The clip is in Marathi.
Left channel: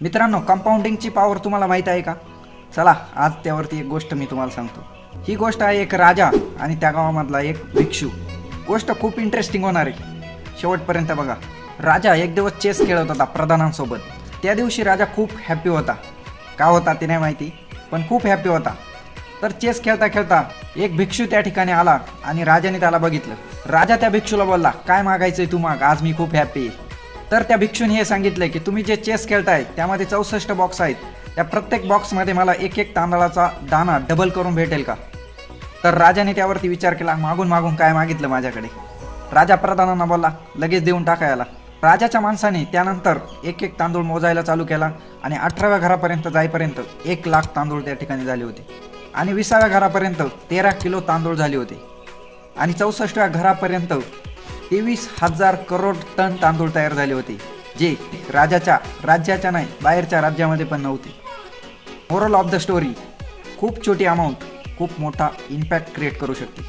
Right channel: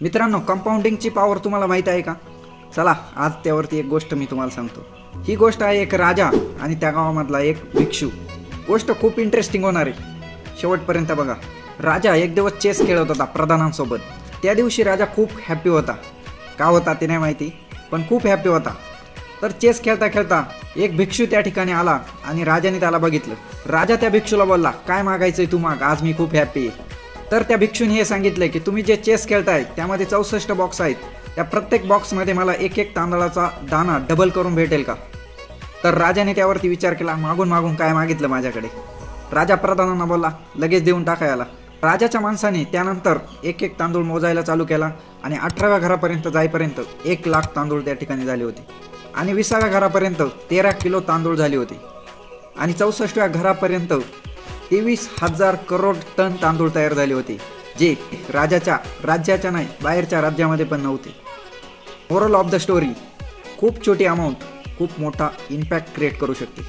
मित्रांनो, कंपाऊंडिंगची पॉवर तुम्हाला माहित आहे का? चला आज त्यावरती एक गोष्ट मी तुम्हाला सांगतो। ही गोष्ट आहे एक राजा आणि त्या गावामधला एक भिक्षू। गोष्ट खूप इंटरेस्टिंग होणार आहे, शेवटपर्यंत बघा। राजा एक दिवस चेस खेळत होता प्रधानांसोबत। त्या दिवशी राजा खूप हॅपी होता। का होता ते नाही माहिती, पण खूप हॅपी होता। तर चेस खेळता खेळता एक भिक्षू त्या ठिकाणी आला आणि राजाने त्याला बघितलं। राजा त्या भिक्षूला बोलला, काय मागायचंय तू माग, आज मी खूप हॅपी आहे। तर त्या भिक्षूने हे सांगितले की तुम्ही जे चेस खेळताय त्यामध्ये 64 बॉक्स आहेत, त्या प्रत्येक बॉक्समध्ये मला एक एक तांदळाचा दाना डबल करून भेटेल का? तर राजाने त्यावरती विचार केला, मागून मागून काय मागितलं माझ्याकडे? राजा प्रधानांना बोलला, लगेच देऊन टाकायला। राजाच्या माणसाने त्यानंतर एक एक तांदूळ मोजायला चालू केला आणि 18व्या घरापर्यंत जाईपर्यंत 1 लाख तांदूळ त्या ठिकाणी झाले होते आणि 20व्या घरापर्यंत 13 किलो तांदूळ झाले होते आणि 64व्या घरापर्यंत 23,000 करोड टन तांदूळ तयार झाले होते, जे राज्याच्या नाही बाहेरच्या राज्यामध्ये पण नव्हते। मोरल ऑफ द स्टोरी, खूप छोटी अमाउंट खूप मोठा इम्पॅक्ट क्रिएट करू शकते।